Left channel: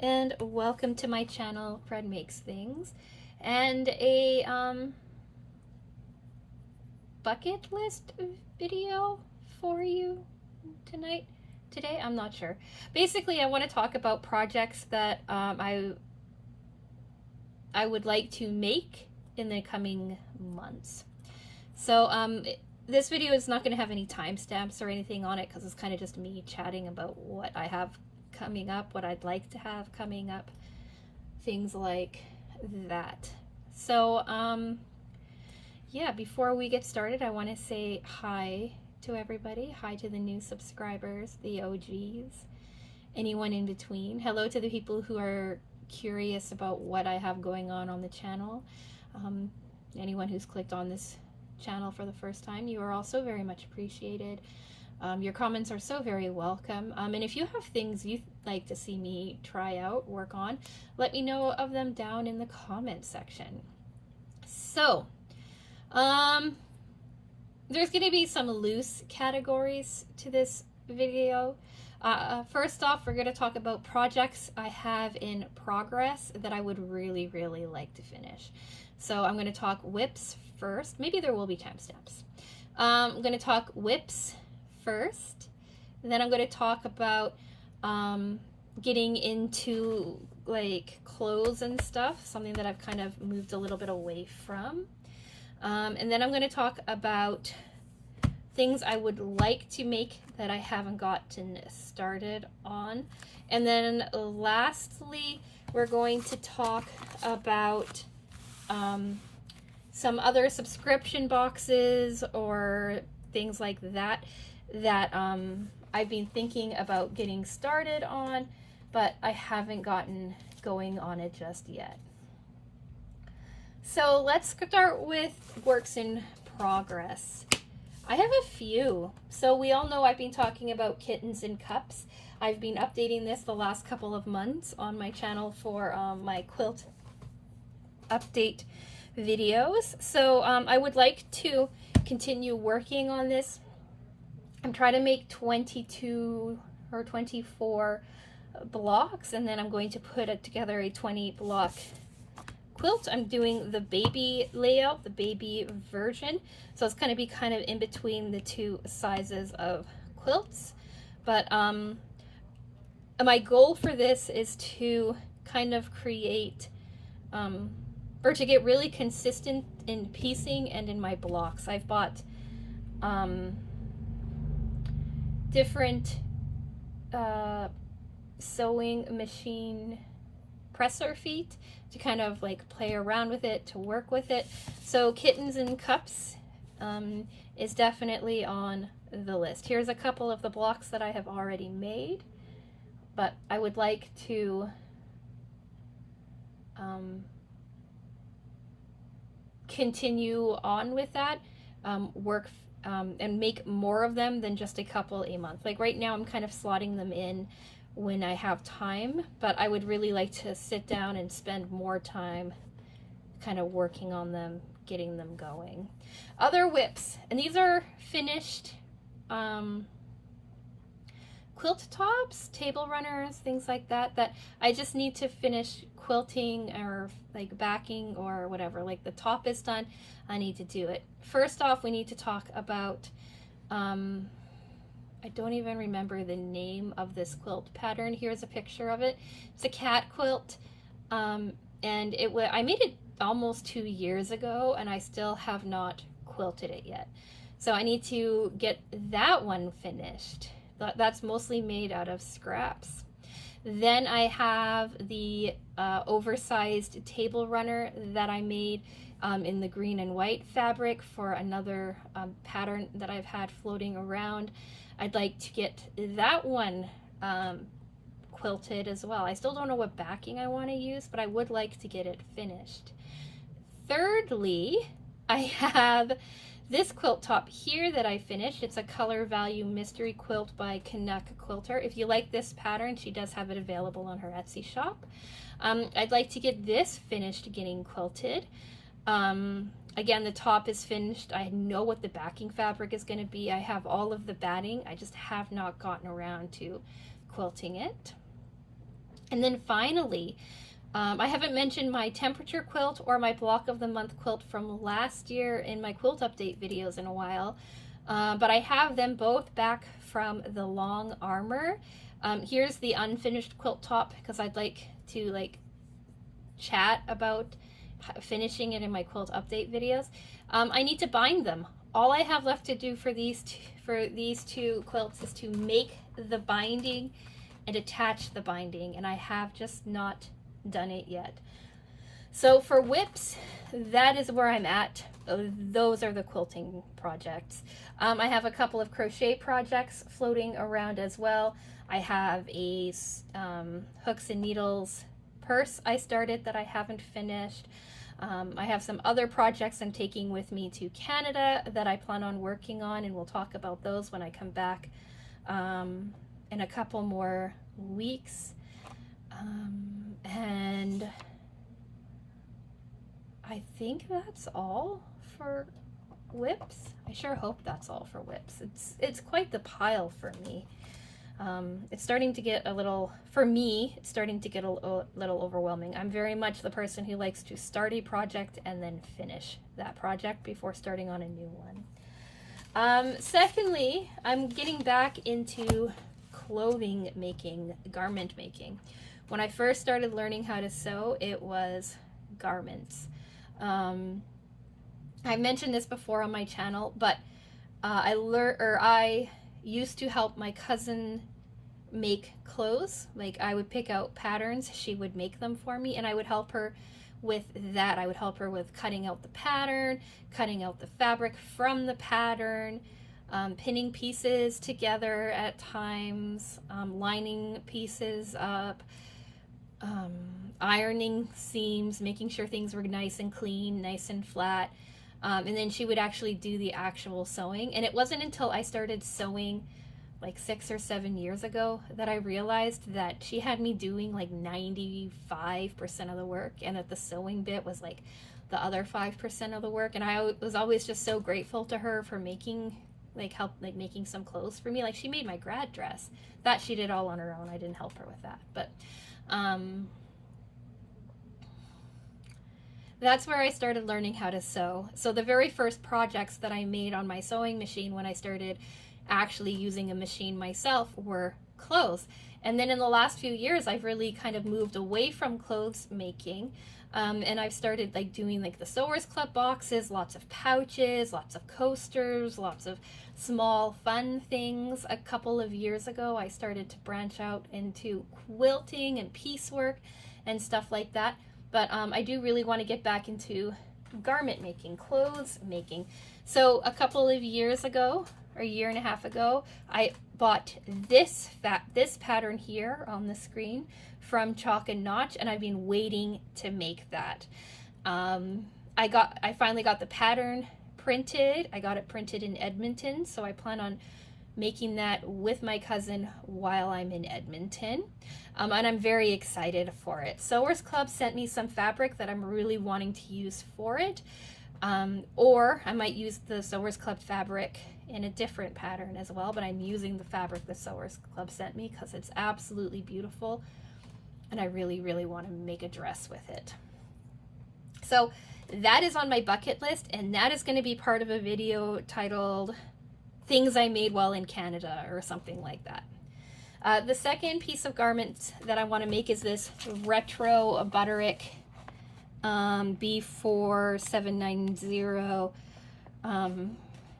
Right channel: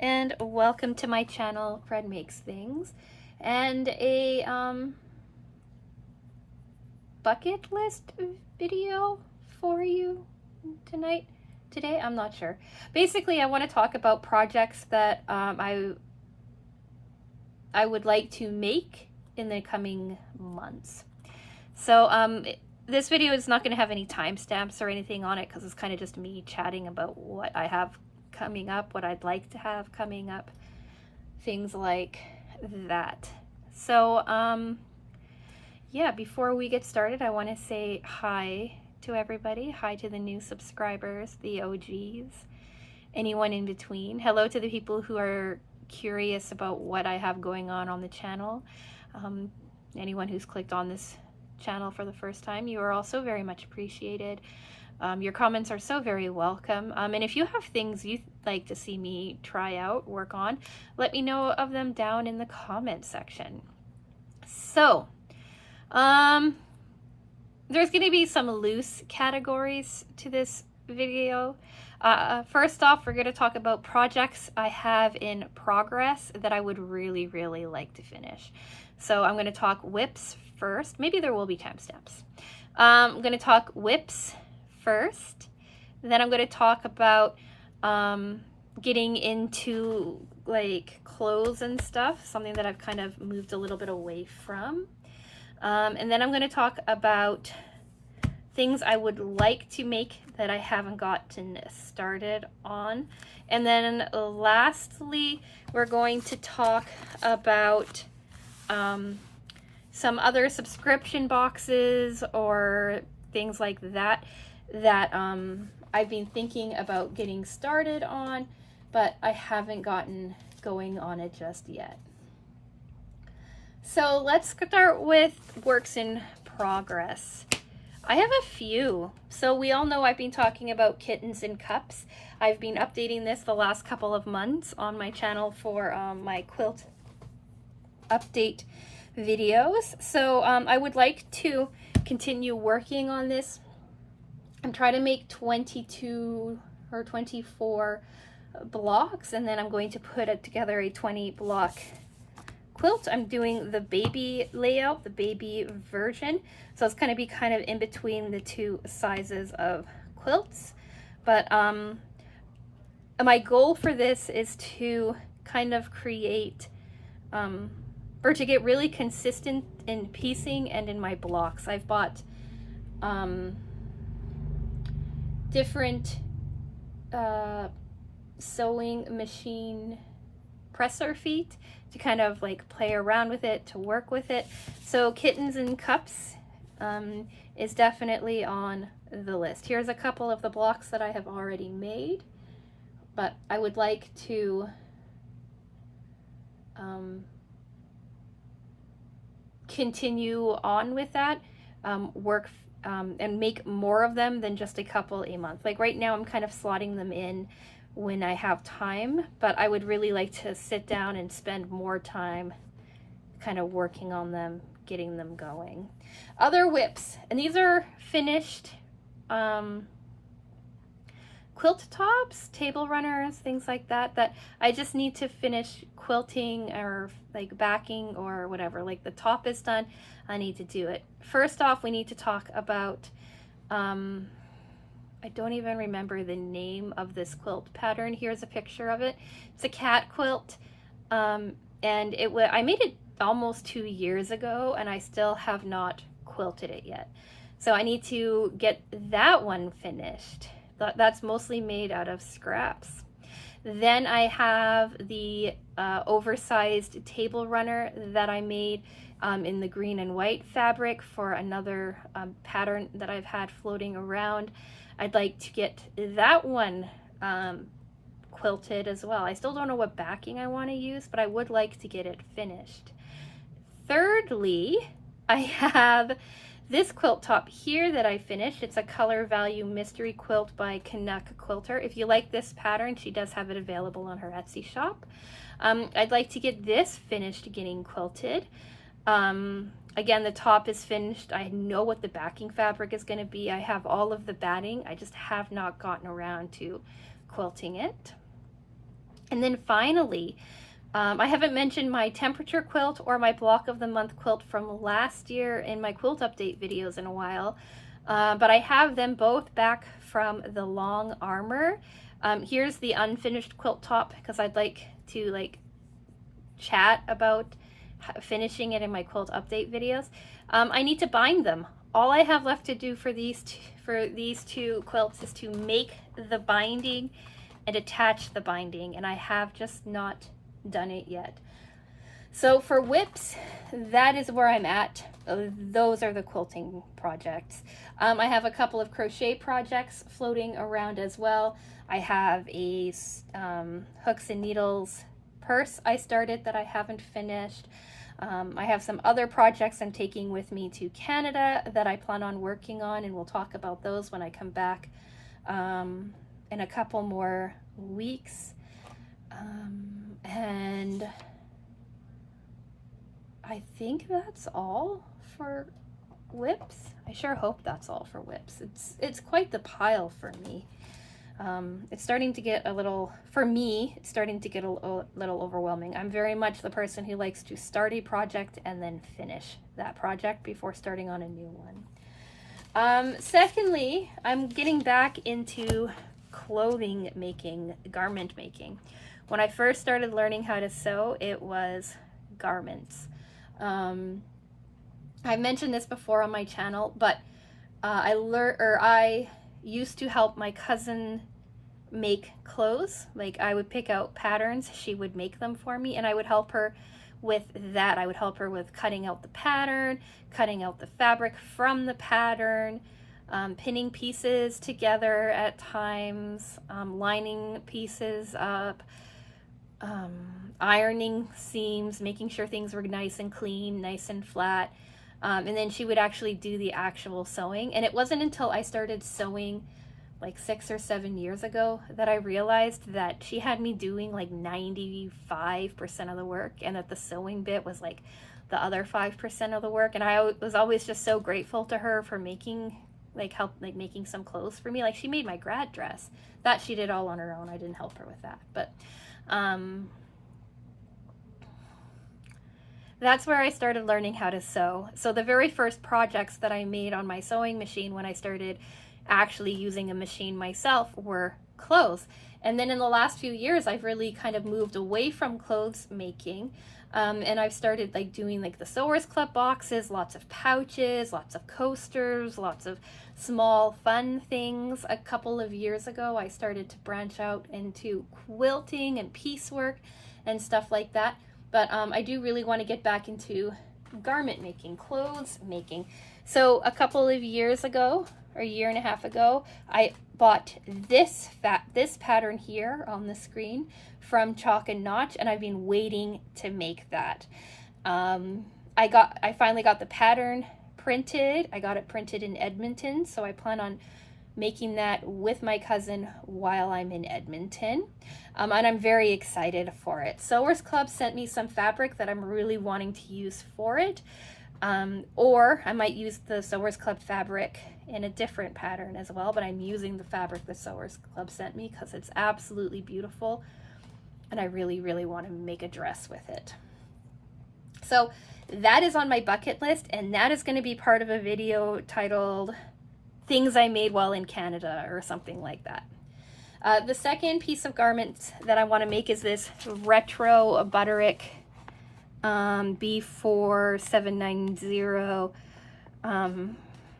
and welcome to my channel, Fred Makes Things, and a bucket list video for you today. I'm not sure. Basically, I want to talk about projects that I would like to make in the coming months. So this video is not going to have any timestamps or anything on it because it's kind of just me chatting about what I have coming up, what I'd like to have coming up, things like that. So yeah, before we get started, I want to say hi to everybody. Hi to the new subscribers, the OGs, anyone in between. Hello to the people who are curious about what I have going on the channel. Anyone who's clicked on this channel for the first time, you are also very much appreciated. Your comments are so very welcome. And if you have things you'd like to see me try out, work on, let me know of them down in the comment section. So, there's going to be some loose categories to this video. First off, we're going to talk about projects I have in progress that I would really like to finish. So I'm going to talk WIPs first. Maybe there will be timestamps. I'm going to talk WIPs first. Then I'm going to talk about getting into like clothes and stuff, something that I've kind of moved a little bit away from. And then I'm going to talk about things I would like to make that I haven't gotten started on. And then lastly, we're going to talk about some other subscription boxes or things like that I've been thinking about getting started on, but I haven't gotten going on it just yet. So let's start with works in progress. I have a few. So we all know I've been talking about kittens in cups. I've been updating this the last couple of months on my channel for my quilt update videos. So I would like to continue working on this. I'm trying to make 22 or 24 blocks, and then I'm going to put it together a 20 block quilt. I'm doing the baby layout, the baby version, so it's going to be kind of in between the two sizes of quilts. But my goal for this is to kind of create or to get really consistent in piecing and in my blocks. I've bought different sewing machine presser feet to kind of like play around with it, to work with it. So kittens in cups is definitely on the list. Here's a couple of the blocks that I have already made, but I would like to continue on with that, work and make more of them than just a couple a month. Like right now I'm kind of slotting them in when I have time, but I would really like to sit down and spend more time kind of working on them, getting them going. Other WIPs, and these are finished quilt tops, table runners, things like that, that I just need to finish quilting or like backing or whatever. Like the top is done, I need to do it. First off, we need to talk about I don't even remember the name of this quilt pattern. Here's a picture of it. It's a cat quilt, and I made it almost 2 years ago, and I still have not quilted it yet. So I need to get that one finished. That's mostly made out of scraps. Then I have the oversized table runner that I made in the green and white fabric for another pattern that I've had floating around. I'd like to get that one quilted as well. I still don't know what backing I want to use, but I would like to get it finished. Thirdly, I have this quilt top here that I finished. It's a color value mystery quilt by Canuck Quilter. If you like this pattern, she does have it available on her Etsy shop. I'd like to get this finished getting quilted. Again, the top is finished. I know what the backing fabric is going to be. I have all of the batting. I just have not gotten around to quilting it. And then finally, I haven't mentioned my temperature quilt or my block of the month quilt from last year in my quilt update videos in a while, but I have them both back from the Long Armor. Here's the unfinished quilt top because I'd like to chat about finishing it in my quilt update videos. I need to bind them. All I have left to do for these two quilts is to make the binding and attach the binding, and I have just not done it yet. So for WIPs, that is where I'm at. Those are the quilting projects. I have a couple of crochet projects floating around as well. I have a hooks and needles purse I started that I haven't finished. I have some other projects I'm taking with me to Canada that I plan on working on, and we'll talk about those when I come back in a couple more weeks. And I think that's all for WIPs. I sure hope that's all for WIPs. It's quite the pile for me. It's starting to get a little, for me, it's starting to get a little overwhelming. I'm very much the person who likes to start a project and then finish that project before starting on a new one. Secondly, I'm getting back into clothing making, garment making. When I first started learning how to sew, it was garments. I mentioned this before on my channel, but I used to help my cousin make clothes. Like, I would pick out patterns, she would make them for me, and I would help her with that. I would help her with cutting out the pattern, cutting out the fabric from the pattern, pinning pieces together at times, lining pieces up, ironing seams, making sure things were nice and clean, nice and flat. And then she would actually do the actual sewing. And it wasn't until I started sewing like 6 or 7 years ago that I realized that she had me doing like 95% of the work, and that the sewing bit was like the other 5% of the work. And I was always just so grateful to her for making making some clothes for me. Like, she made my grad dress. That she did all on her own. I didn't help her with that. But that's where I started learning how to sew. So the very first projects that I made on my sewing machine when I started actually using a machine myself were clothes. And then in the last few years, I've really kind of moved away from clothes making. And I've started doing the Sewers Club boxes, lots of pouches, lots of coasters, lots of small fun things. A couple of years ago, I started to branch out into quilting and piecework and stuff like that. But I do really want to get back into garment making, clothes making. So a couple of years ago, or a year and a half ago, I bought this pattern here on the screen from Chalk and Notch, and I've been waiting to make that. I finally got the pattern printed. I got it printed in Edmonton, so I plan on making that with my cousin while I'm in Edmonton. And I'm very excited for it. Sewers Club sent me some fabric that I'm really wanting to use for it. Or I might use the Sewers Club fabric in a different pattern as well, but I'm using the fabric the Sewers Club sent me because it's absolutely beautiful, and I really, really want to make a dress with it. So that is on my bucket list, and that is going to be part of a video titled Things I Made While in Canada or something like that. The second piece of garments that I want to make is this retro Butterick B4790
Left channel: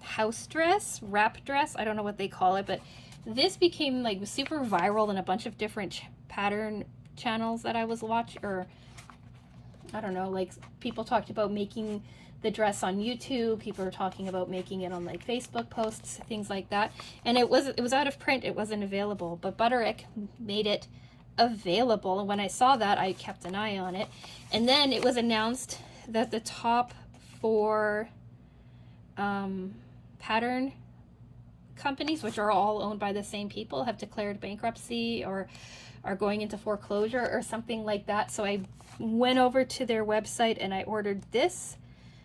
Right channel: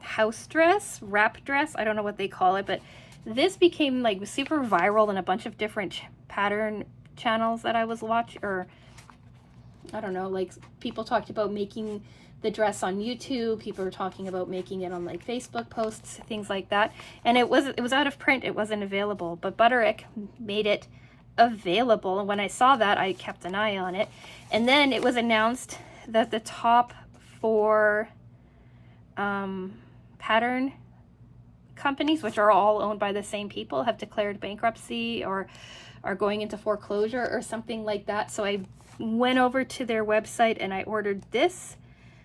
house dress, wrap dress. I don't know what they call it, but this became super viral in a bunch of different pattern channels that I was watching, or I don't know, people talked about making the dress on YouTube, people were talking about making it on Facebook posts, things like that. And it was out of print, it wasn't available, but Butterick made it available, and when I saw that, I kept an eye on it. And then it was announced that the top 4 pattern companies, which are all owned by the same people, have declared bankruptcy or are going into foreclosure or something like that. So I went over to their website and I ordered this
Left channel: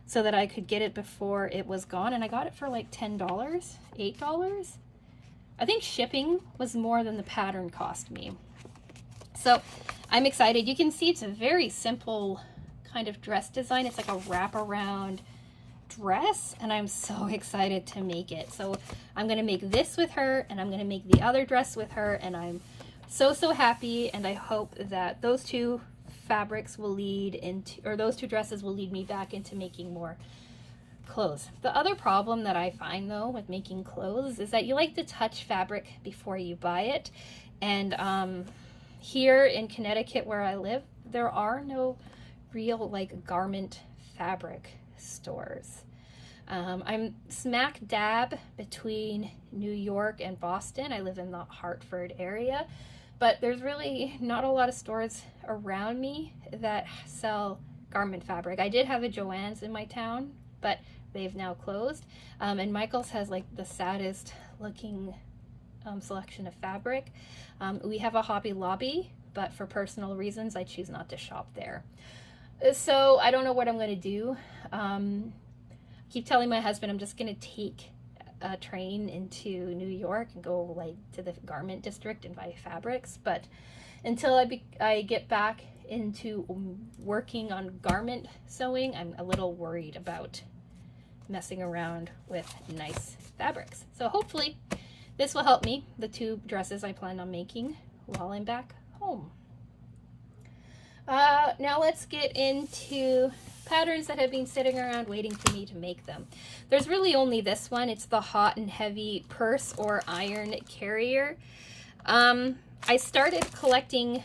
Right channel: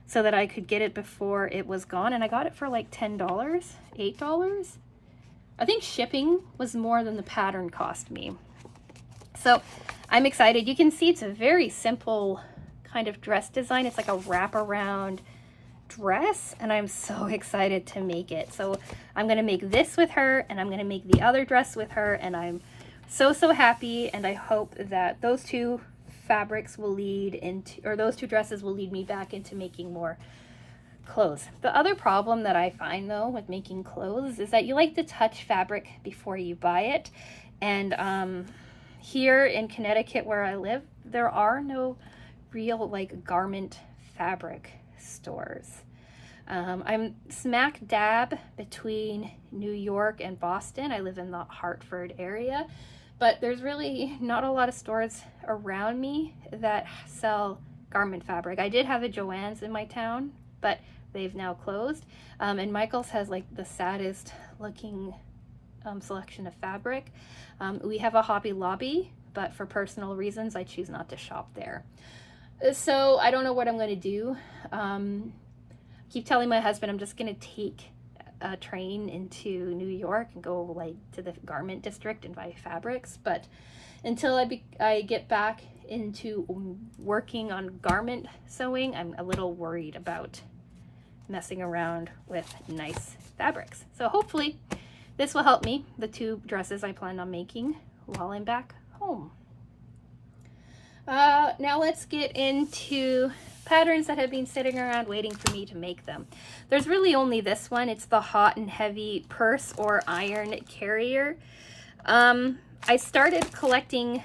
so that I could get it before it was gone, and I got it for $10, $8. I think shipping was more than the pattern cost me. So I'm excited. You can see it's a very simple kind of dress design. It's like a wraparound dress, and I'm so excited to make it. So I'm gonna make this with her, and I'm gonna make the other dress with her, and I'm so happy, and I hope that those two fabrics will lead into, or those two dresses will lead me back into making more clothes. The other problem that I find though with making clothes is that you like to touch fabric before you buy it, and here in Connecticut where I live, there are no real like garment fabric stores. I'm smack dab between New York and Boston. I live in the Hartford area, but there's really not a lot of stores around me that sell garment fabric. I did have a Joann's in my town, but they've now closed. And Michael's has like the saddest looking selection of fabric. We have a Hobby Lobby, but for personal reasons, I choose not to shop there. So I don't know what I'm going to do. Keep telling my husband I'm just going to take a train into New York and go like to the garment district and buy fabrics, but until I get back into working on garment sewing, I'm a little worried about messing around with nice fabrics. So hopefully this will help me, the two dresses I plan on making while I'm back home. Now let's get into patterns that have been sitting around waiting for me to make them. There's really only this one. It's the Hot and Heavy Purse or Iron Carrier. I started collecting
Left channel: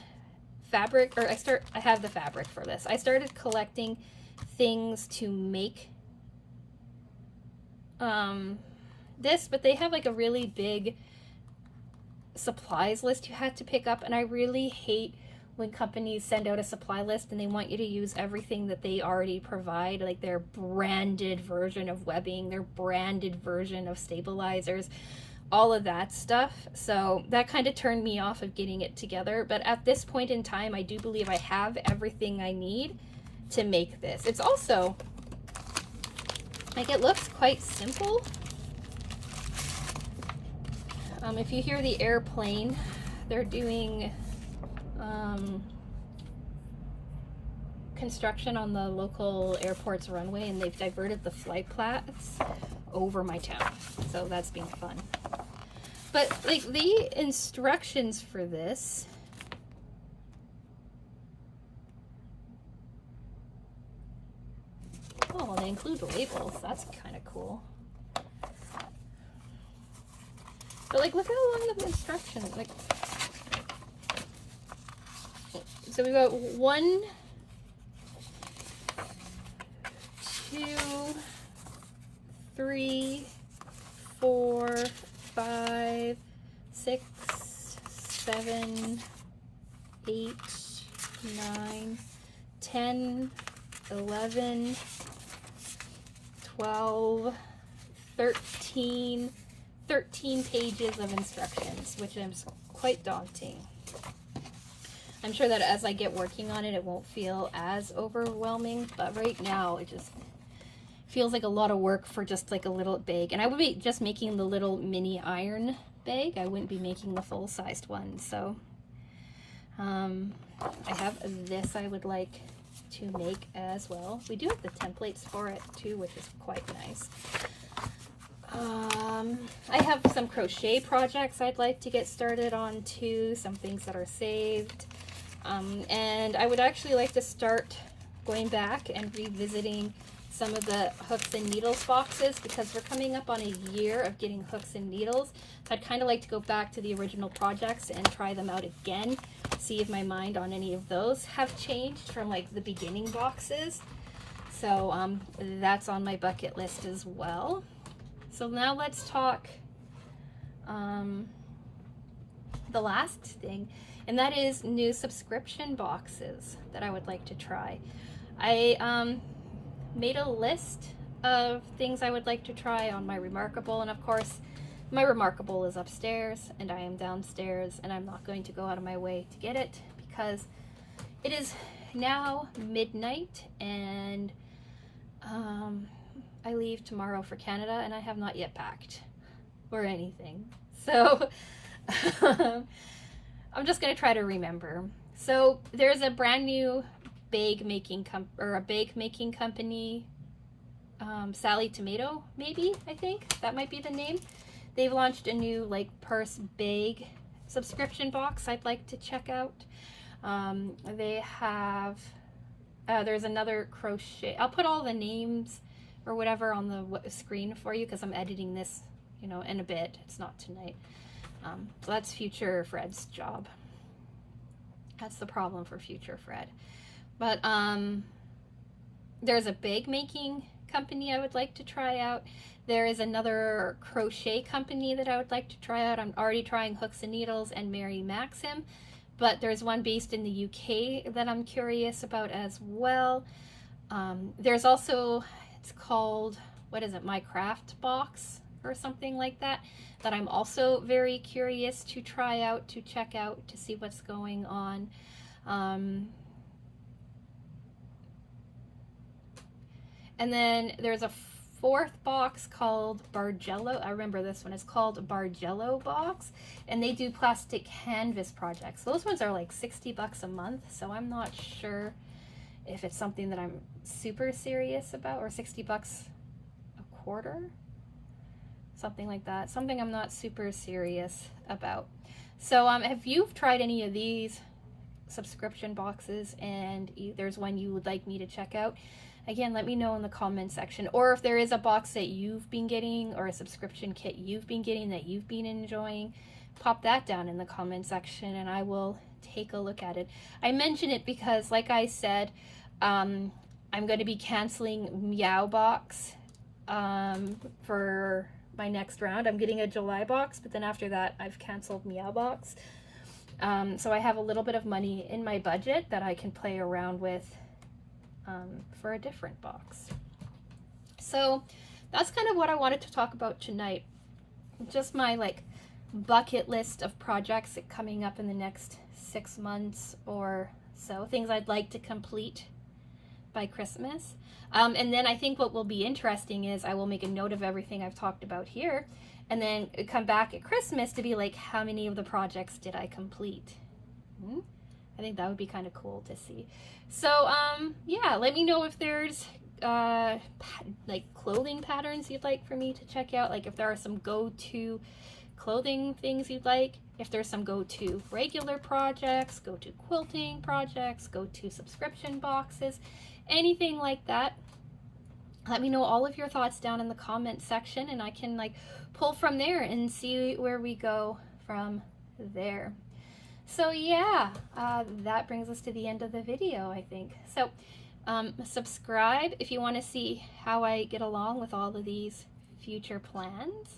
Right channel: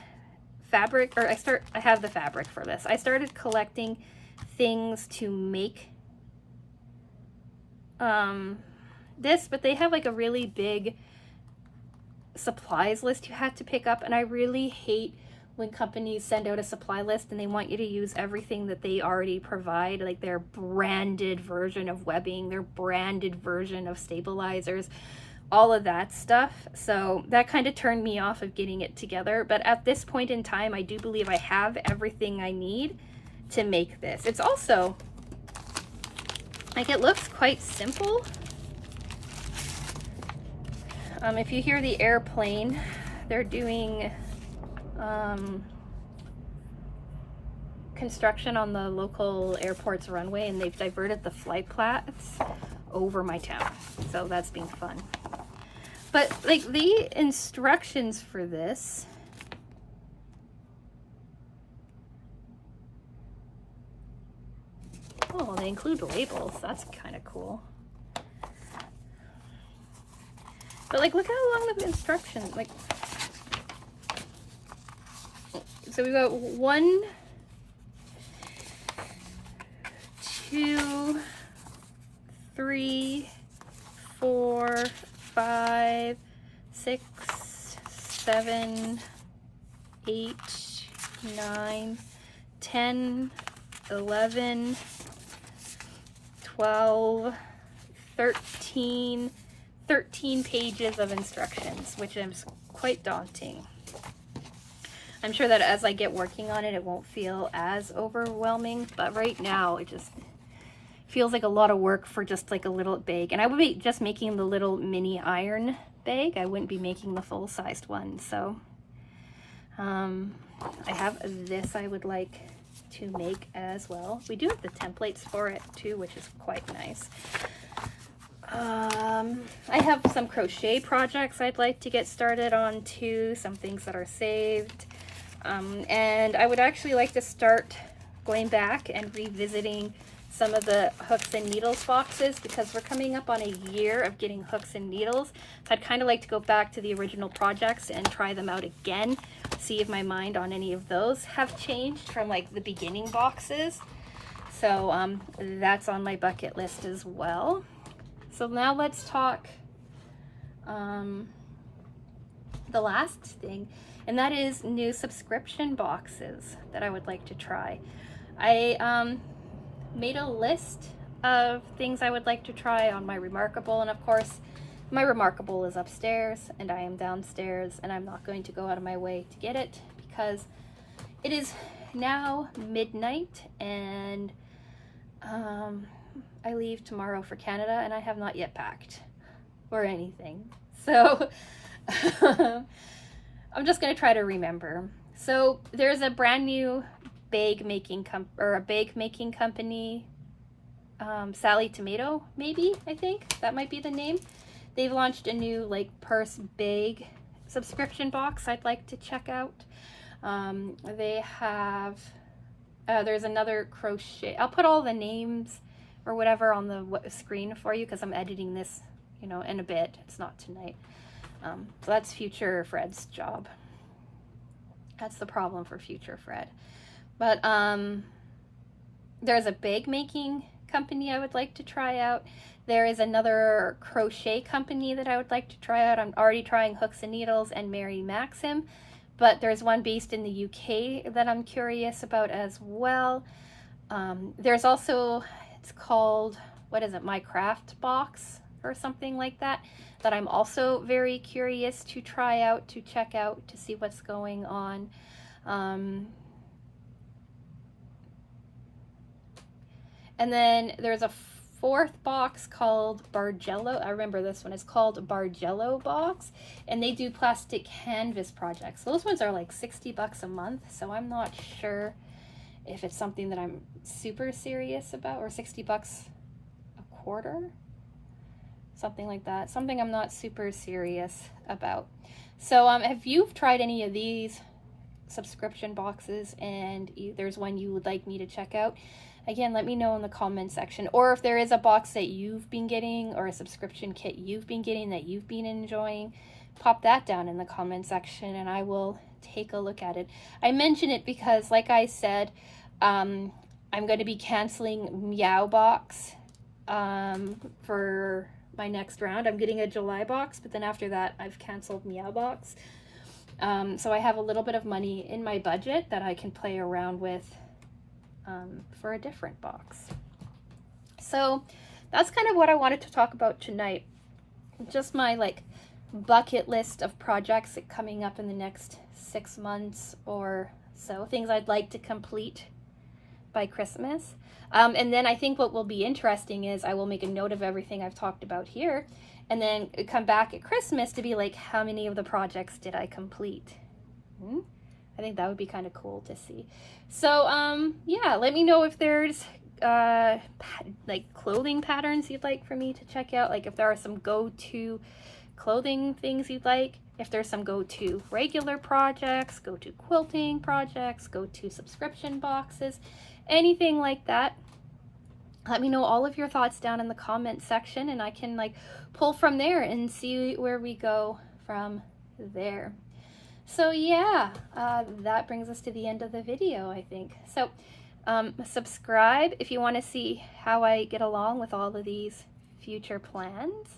fabric, or I have the fabric for this. I started collecting things to make this, but they have like a really big supplies list you had to pick up, and I really hate when companies send out a supply list and they want you to use everything that they already provide, like their branded version of webbing, their branded version of stabilizers, all of that stuff. So that kind of turned me off of getting it together. But at this point in time, I do believe I have everything I need to make this. It's also, like, it looks quite simple. If you hear the airplane, they're doing construction on the local airport's runway, and they've diverted the flight paths over my town, so that's been fun. But like the instructions for this, oh, they include labels. That's kind of cool. But like, look how long the instructions, like, so we've got 1, 2, 3, 4, 5, 6, 7, 8, 9, 10, 11, 12, 13 pages of instructions, which is quite daunting. I'm sure that as I get working on it, it won't feel as overwhelming, but right now it just feels like a lot of work for just like a little bag. And I would be just making the little mini iron bag. I wouldn't be making the full-sized one. So I have this I would like to make as well. We do have the templates for it too, which is quite nice. I have some crochet projects I'd like to get started on too, some things that are saved. And I would actually like to start going back and revisiting some of the hooks and needles boxes, because we're coming up on a year of getting hooks and needles. So I'd kind of like to go back to the original projects and try them out again, see if my mind on any of those have changed from like the beginning boxes. So that's on my bucket list as well. So now let's talk the last thing, and that is new subscription boxes that I would like to try. I made a list of things I would like to try on my Remarkable, and of course my Remarkable is upstairs and I am downstairs, and I'm not going to go out of my way to get it because it is now midnight, and I leave tomorrow for Canada and I have not yet packed or anything. So I'm just going to try to remember. So there's a brand new bag making company, Sally Tomato, maybe, I think that might be the name. They've launched a new like purse bag subscription box I'd like to check out. They have, there's another crochet. I'll put all the names or whatever on the screen for you because I'm editing this, you know, in a bit. It's not tonight. So that's future Fred's job. That's the problem for future Fred. But there's a bag making company I would like to try out. There is another crochet company that I would like to try out. I'm already trying Hooks and Needles and Mary Maxim, but there's one based in the UK that I'm curious about as well. There's also, it's called, what is it, My Craft Box or something like that, that I'm also very curious to try out, to check out, to see what's going on. And then there's a fourth box called Bargello. I remember this one. It's called Bargello Box, and they do plastic canvas projects. Those ones are like 60 bucks a month, so I'm not sure if it's something that I'm super serious about, or 60 bucks a quarter, something like that. Something I'm not super serious about. So if you've tried any of these subscription boxes and there's one you would like me to check out, again, let me know in the comment section. Or if there is a box that you've been getting or a subscription kit you've been getting that you've been enjoying, pop that down in the comment section and I will take a look at it. I mention it because, like I said, I'm going to be canceling Meowbox for my next round. I'm getting a July box, but then after that I've canceled Meowbox. So I have a little bit of money in my budget that I can play around with for a different box. So that's kind of what I wanted to talk about tonight. Just my like bucket list of projects coming up in the next 6 months or so, things I'd like to complete by Christmas. And then I think what will be interesting is I will make a note of everything I've talked about here and then come back at Christmas to be like, how many of the projects did I complete? I think that would be kind of cool to see. So yeah, let me know if there's like clothing patterns you'd like for me to check out, like if there are some go-to clothing things you'd like, if there's some go-to regular projects, go-to quilting projects, go-to subscription boxes, anything like that. Let me know all of your thoughts down in the comment section and I can like pull from there and see where we go from there. So yeah, that brings us to the end of the video, I think. So subscribe if you want to see how I get along with all of these future plans.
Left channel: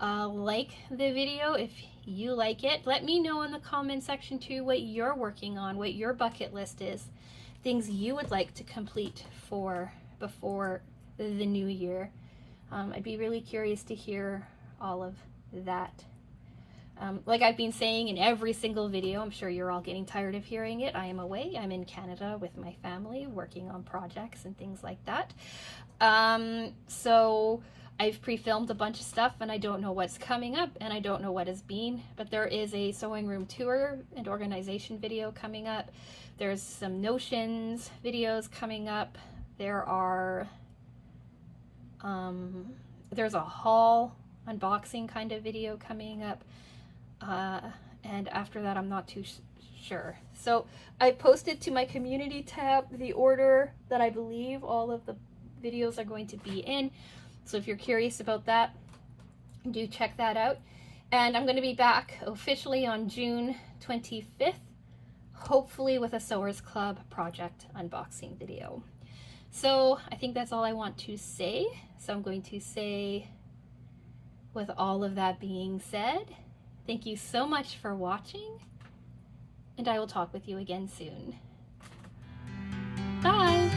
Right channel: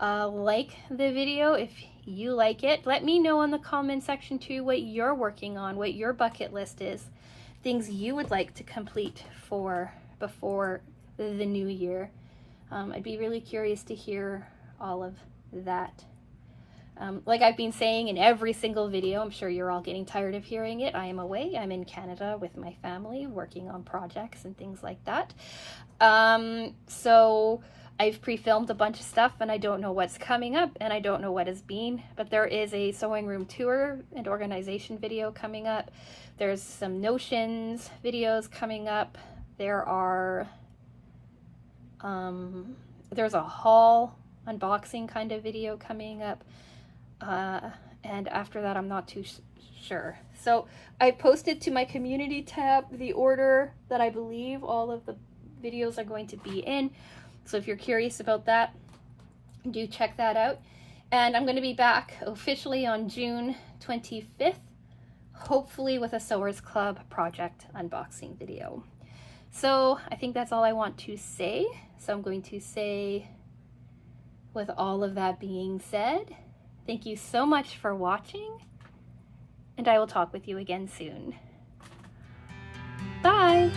Like the video if you like it. Let me know in the comment section too what you're working on, what your bucket list is, things you would like to complete for before the new year. I'd be really curious to hear all of that. Like I've been saying in every single video, I'm sure you're all getting tired of hearing it. I am away. I'm in Canada with my family working on projects and things like that. So I've pre-filmed a bunch of stuff and I don't know what's coming up and I don't know what has been, but there is a sewing room tour and organization video coming up. There's some Notions videos coming up. There are, there's a haul unboxing kind of video coming up. And after that, I'm not too sure. So I posted to my community tab the order that I believe all of the videos are going to be in. So if you're curious about that, do check that out. And I'm going to be back officially on June 25th, hopefully with a Sewers Club project unboxing video. So I think that's all I want to say. So I'm going to say, with all of that being said, thank you so much for watching, and I will talk with you again soon. Bye!